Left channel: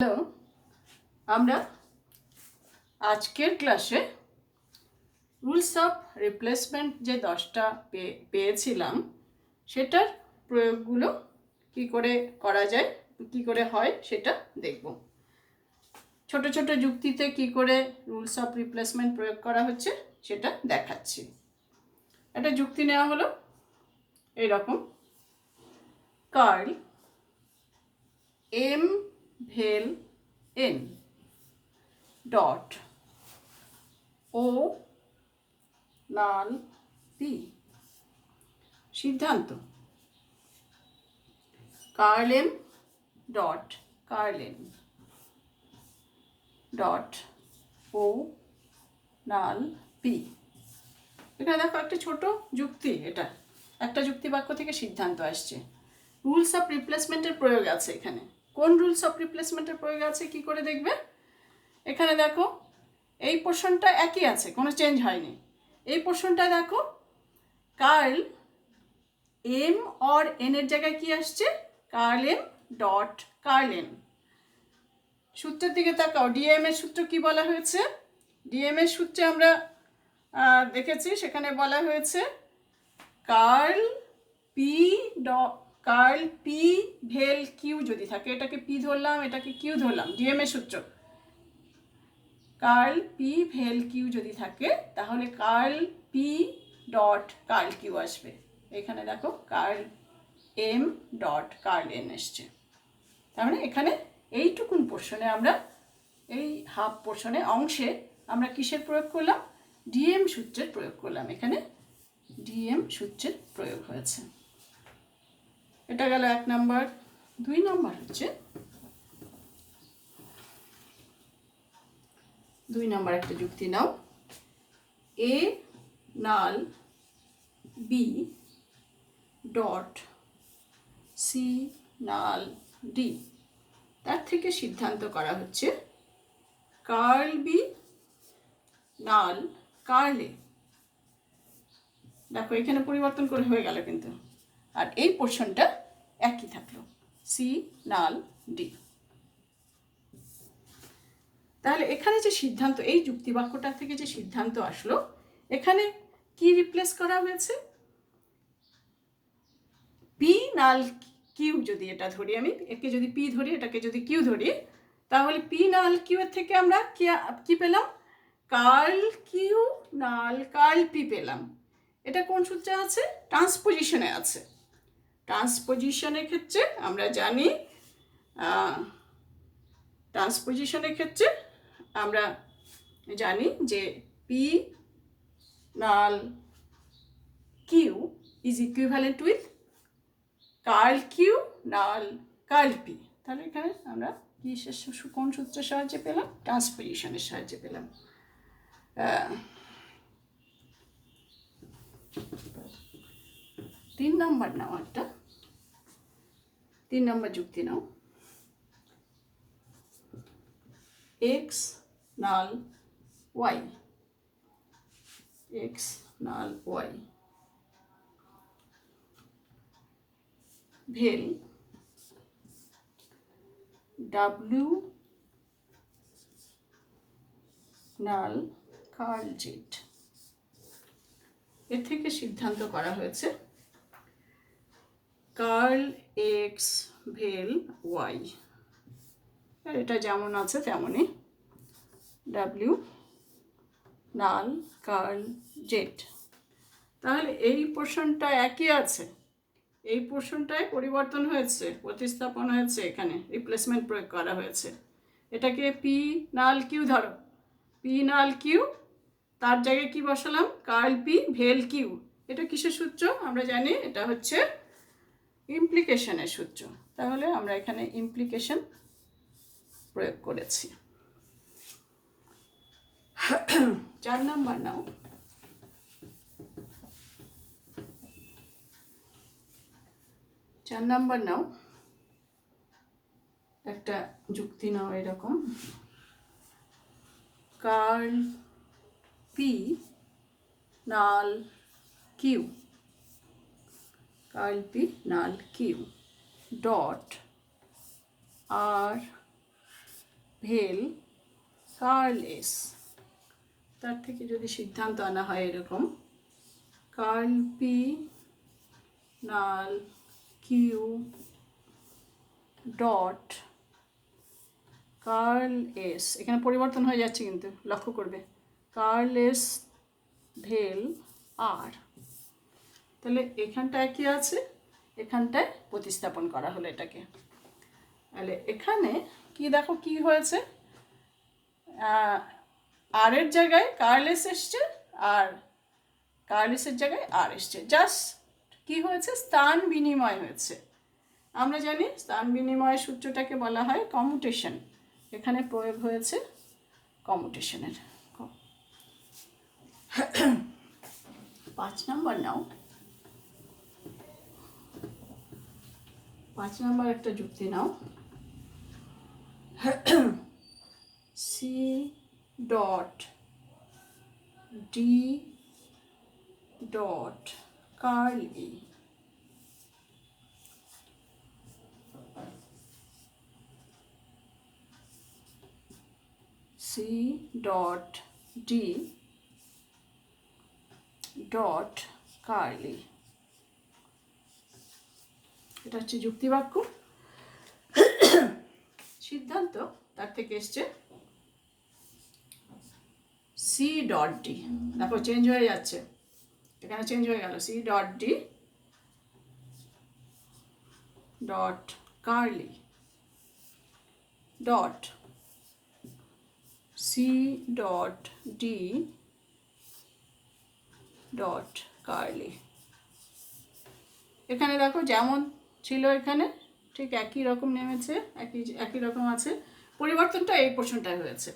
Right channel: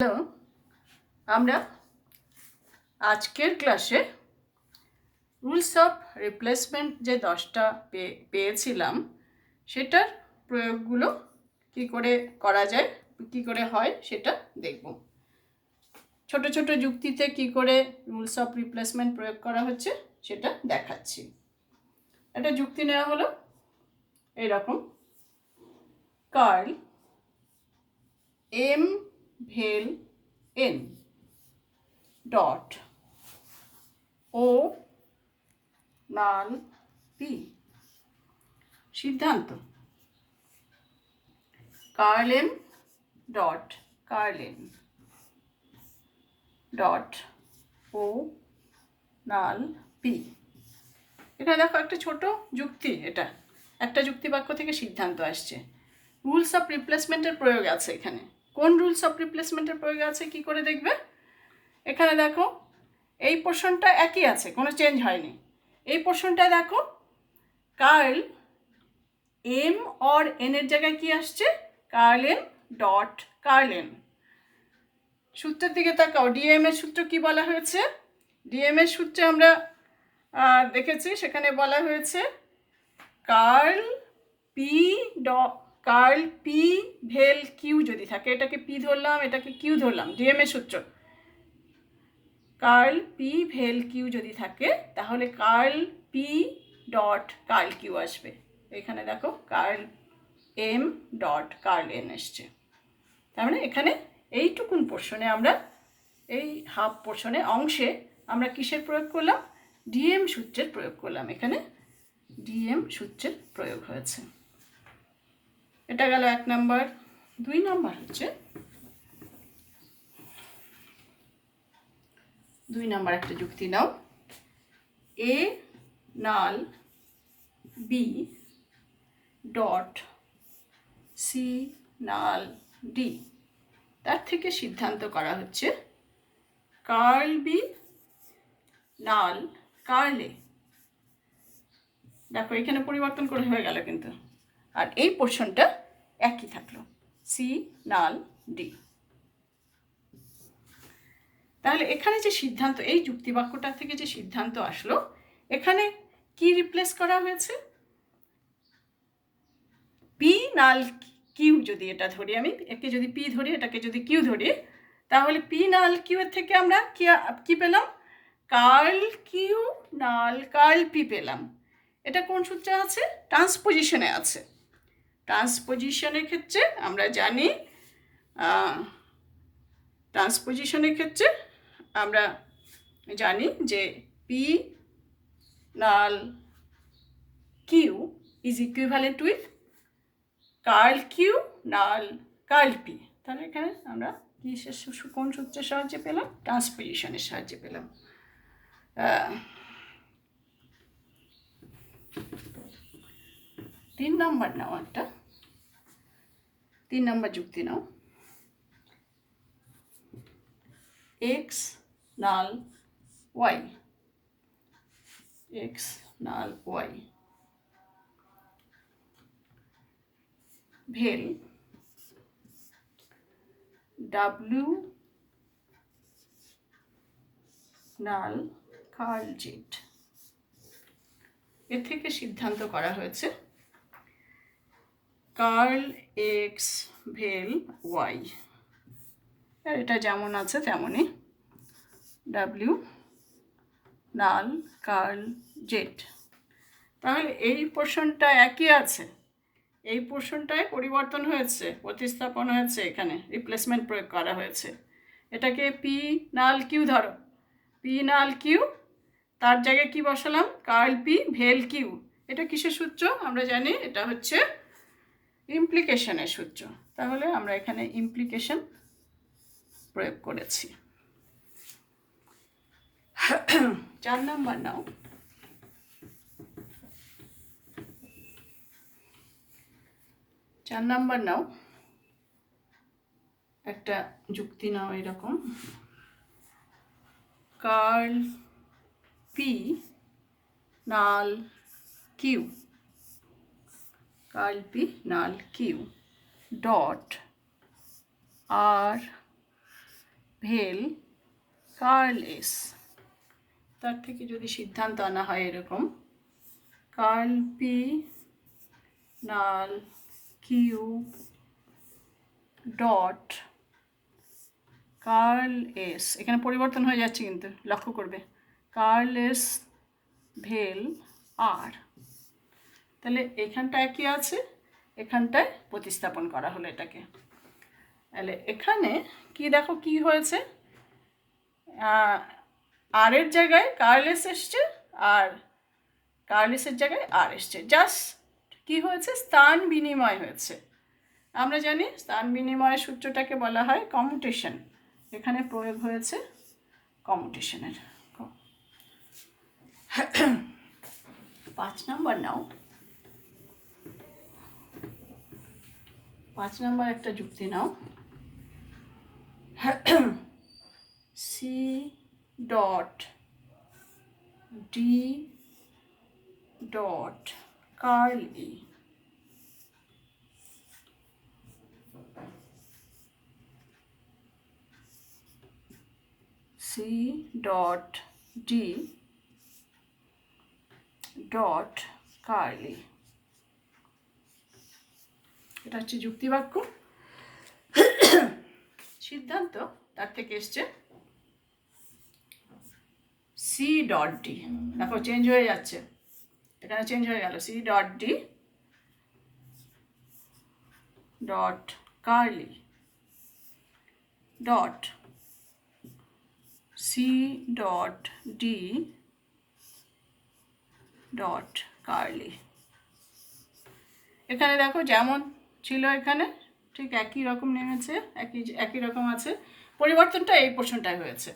Hello, আমরা আজকের ক্লাসে রুলস অফ রিপ্লেসমেন্ট যে 10টা পেয়েছিলাম সেটার প্রয়োগগুলো কি করে করা যায়, কি করে হয় সেটা দেখব। ছোট ছোট যুক্তিতে কি করে রুলস অফ রিপ্লেসমেন্ট প্রয়োগ করা হচ্ছে সেটা দেখাচ্ছি। একটা যুক্তি নেওয়া হলো এইরকম: curl M vel N dot O null P. সিদ্ধান্ত: curl M dot curl N dot O null P. এটা দেখো একটা ছোট যুক্তি, এটা একটা যুক্তি বাক্য থেকে সিদ্ধান্ত আসছে। রুলস অফ রিপ্লেসমেন্টের প্রয়োগ আছে এখানে। কোন রুলস অফ রিপ্লেসমেন্টের প্রয়োগ আছে কি করে দেখবে? এখানে দেখো এই পোর্শনটা একই আছে, কোনো চেঞ্জ হয়নি। এই পোর্শনটা দেখো, কার্ল এম অর এন এর জায়গায় কি আসছে? Curl M dot curl N. সূত্রের দিকে তাকাও, ডিএম এর সূত্র কি বলা হয়েছে? ডিএম এর সূত্রে আমরা দেখেছি, সেখানে বলা হয়েছে কার্ল পি কার্ল পি ভেল কিউ যদি থাকে, এটাকে পি ধরলাম, এটাকে কিউ ধরলাম, ডিএম এর সূত্র। কার্ল পি ভেল কিউ যদি থাকে তাহলে curl P dot curl Q আসবে। এখানে দেখো curl M dot curl N এসছে। তার মানে এখানে এইটুকুন পোর্শনে আমরা, এই হাফ পোর্শনে অংশে আমরা কিসের প্রয়োগ করলাম? ডিএম সূত্রের প্রয়োগ করলাম। এখানে ডিএম সূত্রের প্রয়োগ হয়েছে। এটা গেল 1 নম্বর। 2 নম্বর হচ্ছে, 2 নম্বর একটা যুক্তি নাও। এ নাল বি ডট সি নাল ডি। তার থেকে সিদ্ধান্ত করা হচ্ছে কার্ল বি নাল কার্ল এ। দেখো এখানে পরিবর্তন করে হয়ে গেল কিন্তু, আর এই পোর্শনটা একই থাকলো, সি নাল ডি। তাহলে এখানে যে সিদ্ধান্ত, এই যুক্তিবাক্যটা থেকে যে সিদ্ধান্ত আসলো, এখানে কি রিপ্লেস করা হয়েছে? পি নাল কিউ যদি এটা ধরি, আমি একে যদি পি ধরি, এটাকে যদি কিউ ধরি, তাহলে পি নাল কিউ এর থেকে আমরা কি পেলাম? Curl Q null curl P পেলাম। এটা কোন সূত্রে আছে? ট্রান্সপোজিশনে আছে। ট্রান্সপোজিশনের ক্ষেত্রে আমরা জানি, ট্রান্সপোজিশনের ক্ষেত্রে আমরা জানি যে P null Q is equivalent with curl Q null curl P. তাহলে এখানে আমরা কি কোন সূত্রের সাহায্যে পেলাম? ট্রান্সপোজিশনের সাহায্যে পেলাম। 3 নম্বর নাও, একটা 3 নম্বর যুক্তি নাও। এক্স নাল ওয়াই, এক্স নাল ওয়াই ভেল ডাব্লিউ নাল কার্ল জেড। এর থেকে সিদ্ধান্ত করা হয়েছে কার্ল এক্স ভেল ওয়াই, এটা যেমন আছে তেমনই ডাব্লিউ নাল কার্ল জেড। তাহলে এই পোর্শনটা একই আছে, এই পোর্শনটায় পরিবর্তন হয়েছে, প্রতিস্থাপন হয়েছে, এখানে রিপ্লেসমেন্ট প্রয়োগ করা হয়েছে। এটাকে পি নাল কিউ ধরো, পি নাল কিউ, তার জায়গায় কি বসালাম? কার্ল পি ভেল কিউ। এটা কিসের সূত্র? আমরা জানি এটা হচ্ছে ইমপ্লিকেশনের সূত্র। তাহলে আমরা এখানে ইমপ্লিকেশন প্রয়োগ করেছি। 4 নম্বর নাও। 4 নম্বর নাও, একটা যুক্তি নাও এরকম: curl P null Q, curl P null Q dot আর ভেল কার্ল এস, তার থেকে যদি সিদ্ধান্ত আনা হয় এরকম, curl P null Q dot curl S, এখানে পরিবর্তন হয়ে যাচ্ছে কিন্তু লক্ষ্য করবে, কার্ল এস ভেল আর। তাহলে এখানটায় কি আছে, এখানটায় প্রতিস্থাপন করা হলো এটাকে। তাহলে এখানে কি দেখো কি হয়েছে, আর এর জায়গায় কার্লেস এসছে আর কার্লেসের জায়গায় আর এসছে, জাস্ট কি হয়েছে, স্থান বিনিময় হয়েছে। আমরা জানি স্থান বিনিময়ের সূত্রটাকে বলা হয় কমিউটেশন, এখানে প্রয়োগ হয়েছে কমিউটেশনের। 5 নম্বর নাও, 5 নম্বর একটা যুক্তি নাও, C dot D dot curl E, C dot D dot curl E, এটা হচ্ছে যুক্তিবাক্য। সিদ্ধান্ত তার থেকে এসছে সি ডট ডি, দেখো চেঞ্জ হয়ে যাচ্ছে, এখানে চেঞ্জ হয়ে গেল, C dot D dot curly dot C dot D dot curly. এখানে দেখো যেমন ছিল এখানে ঠিক একই রকম নেমেছে, একই রকম আছে, পরিবর্তনটা এই পোর্শনটায় হয়েছে,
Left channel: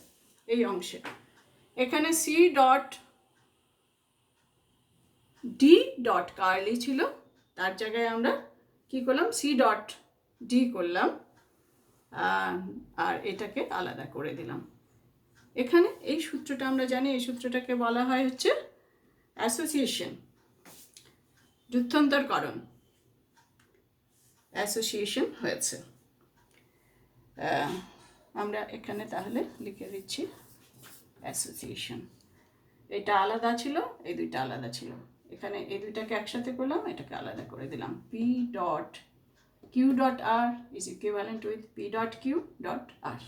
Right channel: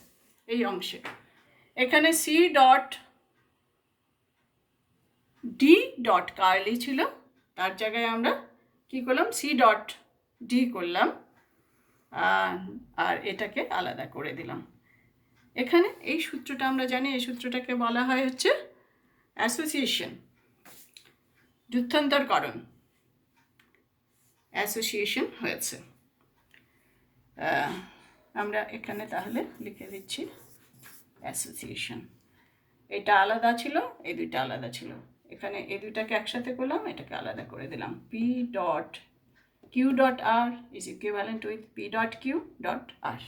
এই অংশে। এখানে C dot D dot curly ছিল, তার জায়গায় আমরা কি করলাম, সি ডট ডি করলাম আর এটাকে আলাদা করে দিলাম। এখানে এই সূত্রটা আমরা জানি, এই সূত্রটাকে বলা হয় হচ্ছে অ্যাসোসিয়েশন, যুদ্ধান্তরকরণ, অ্যাসোসিয়েশন হয়েছে। আমরা এখানে তাহলে লিখে দিচ্ছি অ্যাসোসিয়েশন। এটা আলাদা ছিল, এই দুইটা আলাদা ছিল, এখানে এই দুইটাকে একসাথে করলাম, এটাকে আলাদা করে দিলাম। P dot Q dot R is equivalent with P dot Q dot R.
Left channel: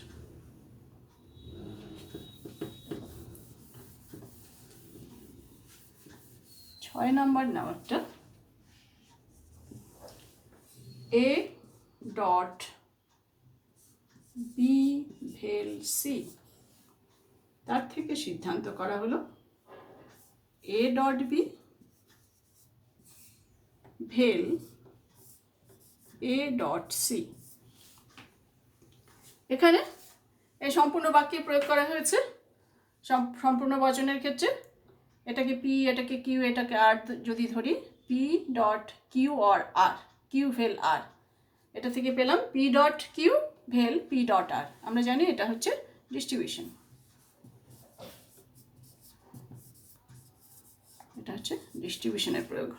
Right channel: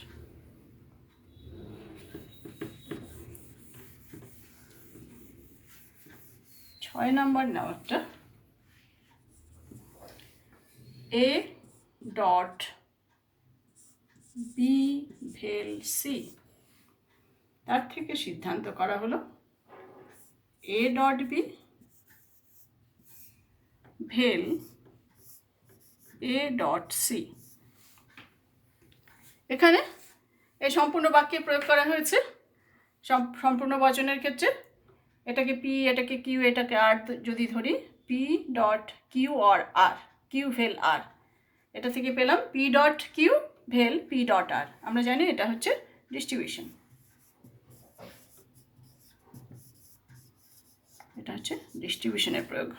ছয় নম্বর নাও একটা, A dot B vel C, তার থেকে সিদ্ধান্ত করা হলো A dot B vel A dot C. এখানে এই সম্পূর্ণ বাক্যে প্রয়োগ করা হয়েছে, সম্পূর্ণ বচনের ক্ষেত্রে এটাকে পি, এটাকে কিউ, এটাকে আর যদি ধরি, P dot Q or R, Q vel R, এটা থেকে পেলাম P dot Q vel P dot R. আমরা জানি এটা হচ্ছে ডিস্ট্রিবিউশন, এটা হচ্ছে ডিস্ট্রিবিউশনের প্রয়োগ।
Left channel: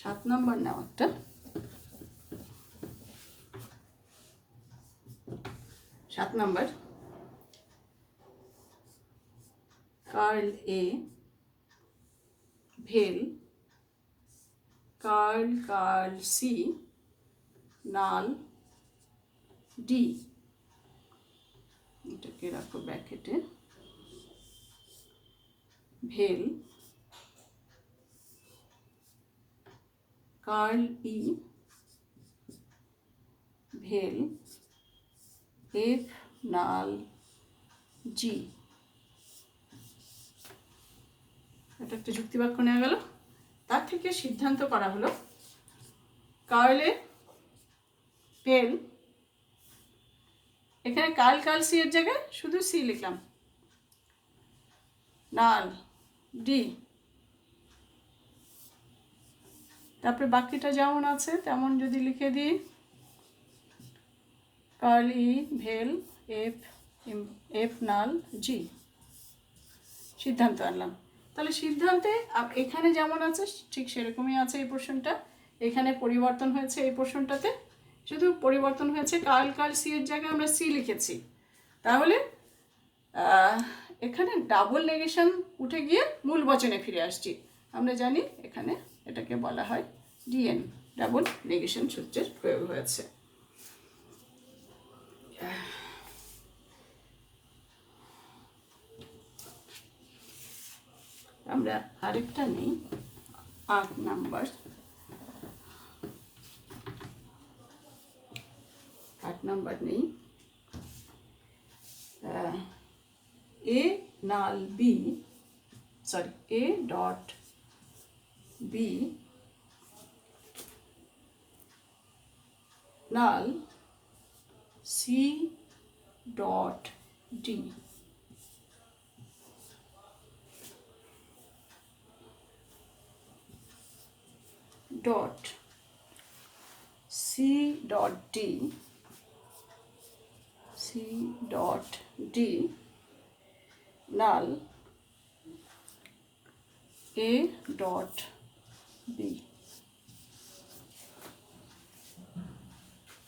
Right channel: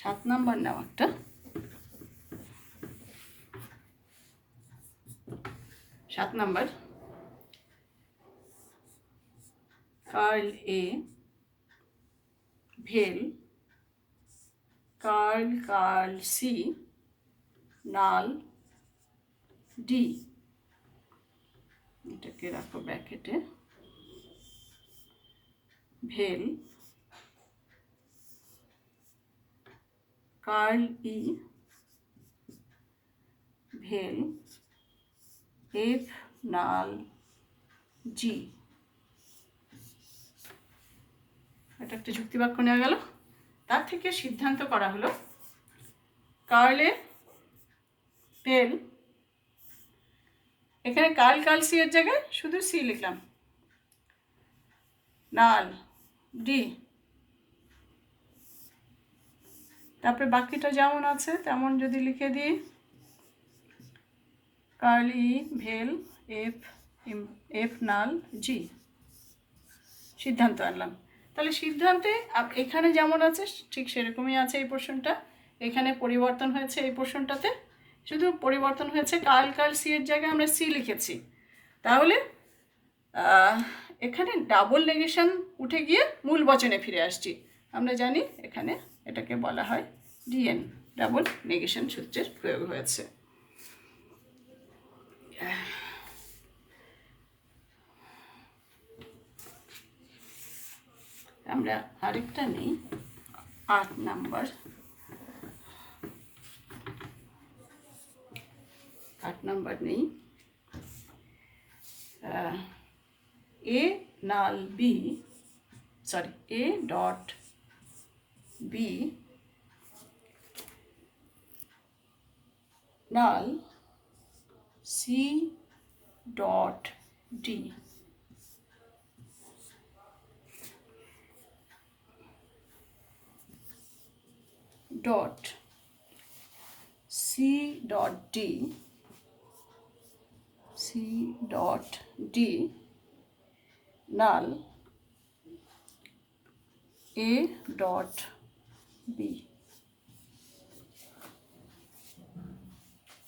সাত নম্বর নাও একটা, সাত নম্বর, কার্ল এ ভেল কার্ল সি নাল ডি, এটাকে রাখো ব্র্যাকেটে, ভেল কার্ল ই ভেল এফ নাল জি। এটা একটা যুক্তিবাক্য নেওয়া গেল, তার থেকে সিদ্ধান্ত করা হলো কার্লে ভেল, এখানে কার্ল সি এর জায়গায় শুধু সি লিখলাম, নাল ডি, তারপরে বাকিটা যেমন আছে তেমন যদি লিখে দিই, কার্ল ই ভেল এফ নাল জি, সিদ্ধান্ত আনলাম। তাহলে সিদ্ধান্তে এখানে যেমন আছে ঠিক সেরকমই আছে এই পোর্শনটা, এখানে পরিবর্তন হয়েছে এই পোর্শনটাতে, শুধু পরিবর্তন হয়েছে কাল কাল সি এর জায়গায় আমরা সি লিখেছি। তাহলে এখানে ডাবল নেগেশন উঠে গিয়ে মূল বচনে ফিরে আসছি। আমরা জানি এখানে এটাকে বলা হয় ডিএন, ডাবল নেগেশন সূত্রের প্রয়োগ হয়েছে। আমরা আরেকটা নেই 8 নাম্বার। 8 নাম্বার নেই A null B, sorry A dot B null C dot D. dot c dot d, c dot d null a dot b।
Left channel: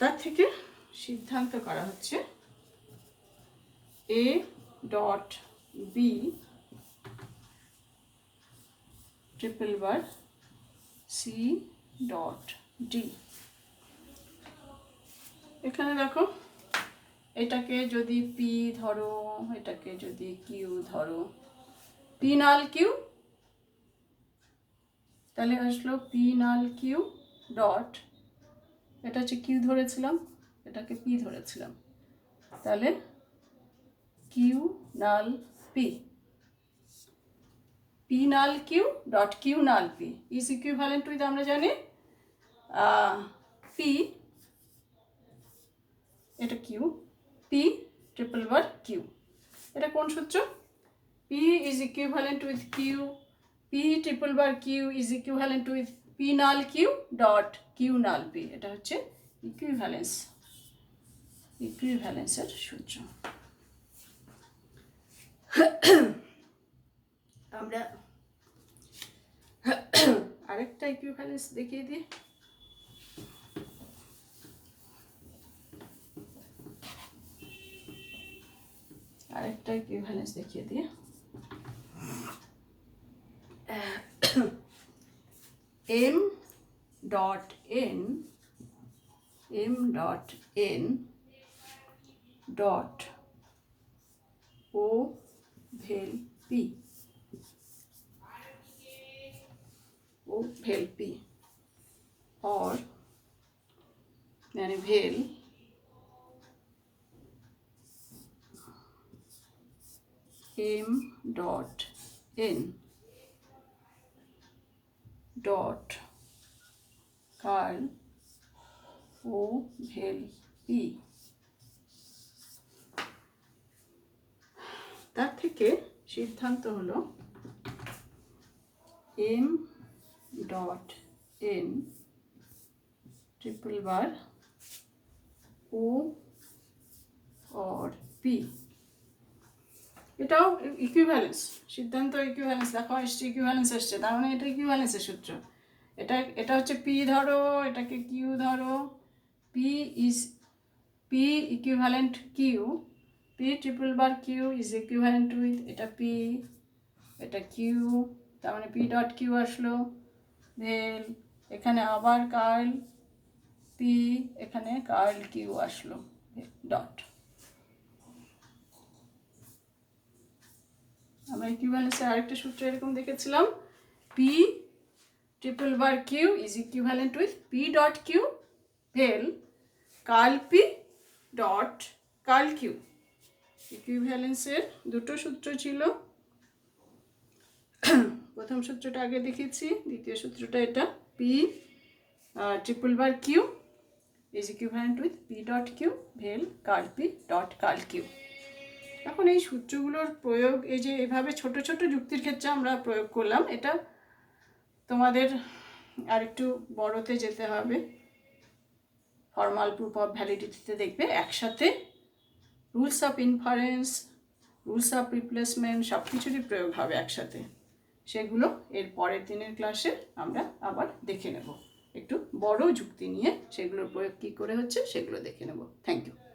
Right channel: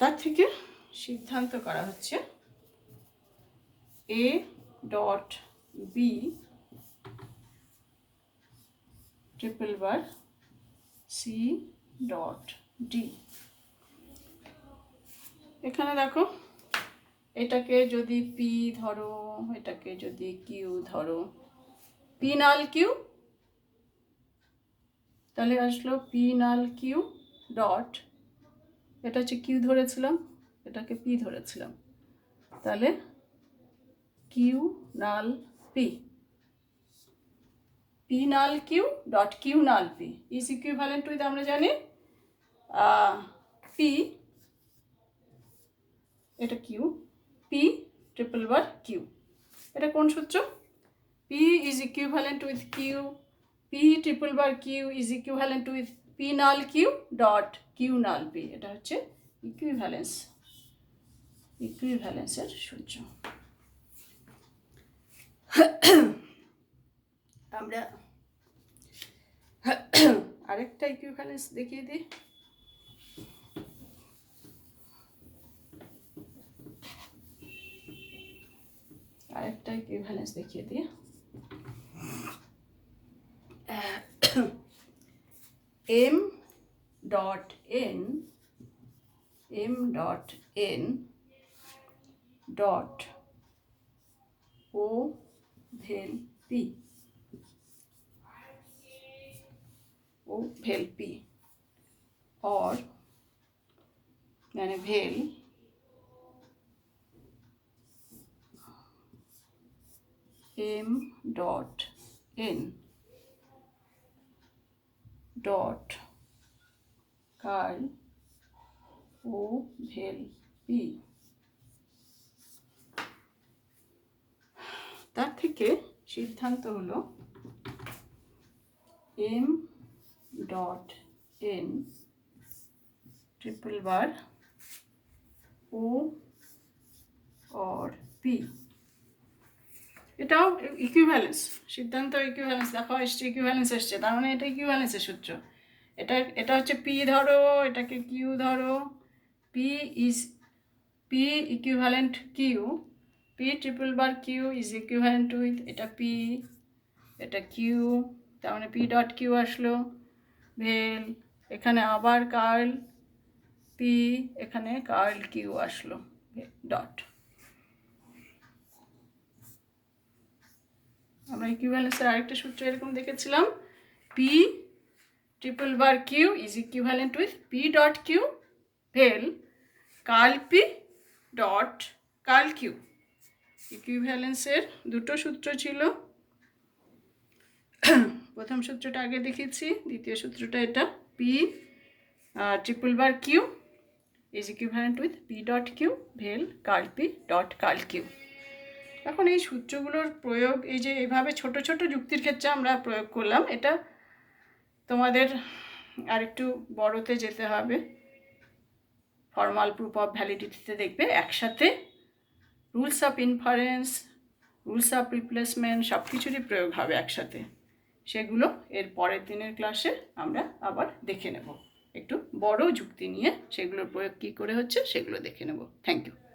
তার থেকে সিদ্ধান্ত করা হচ্ছে a dot b triple bar c dot d। এখানে দেখো এটাকে যদি p ধরো, এটাকে যদি q ধরো, p নাল q, তাহলে আসলো p নাল q ডট, এটা হচ্ছে q ধরেছিলাম, এটাকে p ধরেছিলাম, তাহলে q null p, p null q dot q null p is equivalent with, আমরা জানি p, এটা q, p triple bar q। এটা কোন সূত্র? p is equivalent with q, p triple bar q is equivalent with p null q dot q null p। এটা হচ্ছে ইকুইভ্যালেন্সের সূত্র। আমরা আরেকটা ইকুইভ্যালেন্স দেখিয়ে দিই। আরেকটা ইকুইভ্যালেন্স দেখিয়ে দিই। m dot n, m dot n dot o ভেল p, o ভেল p और यानी भेल m dot n dot curl o भेल p। তার থেকে সিদ্ধান্ত হলো m ডট n ट्रिपल बार o और p। এটাও ইকুইভ্যালেন্স সিদ্ধান্ত, ইকুইভ্যালেন্স দেখো এসছে, ইকুইভ্যালেন্স এসছে, তার মানে এটা ইকুইভ্যালেন্সের সূত্র। এটা হচ্ছে p ধরো, এটাকে q ধরো, p equivalent q, p triple bar q is equivalent with এটা p, এটা q, তার মানে p ডট q আসলো ভেল, এখানে আবার কার্ল p, এখানে কার্ল q আসলো ডট। আমরা ইকুইভ্যালেন্সের আরেকটা সূত্র এরকম দেখেছিলাম, p triple bar q is equivalent with p dot q vel curl p dot curl q। ইকুইভ্যালেন্সের দুটো সূত্র ছিল, প্রথম সূত্রটা আগে দেখিয়েছি, দ্বিতীয় সূত্রটা এটা, p triple bar q is equivalent with p dot q vel curl p dot curl q। এখন এই সূত্রগুলোর প্রয়োগ এই যে এভাবে ছোট ছোট যুক্তির ক্ষেত্রে আমরা প্রয়োগ করলাম, এটা তোমাদের আরেকটু বড়তে যেতে হবে, ফর্মাল প্রুফ অফ ভ্যালিডিটিতে দেখবে একসাথে rules of inference, rules of replacement সব কিছুরই প্রয়োগ হবে একসাথে। সেগুলো এর পরের দিনের ক্লাসে আমরা আবার দেখে নেব। একটু বড় যুক্তি নিয়ে সেগুলোর প্রয়োগ কী করে হচ্ছে সেগুলো দেখে নেব। Thank you.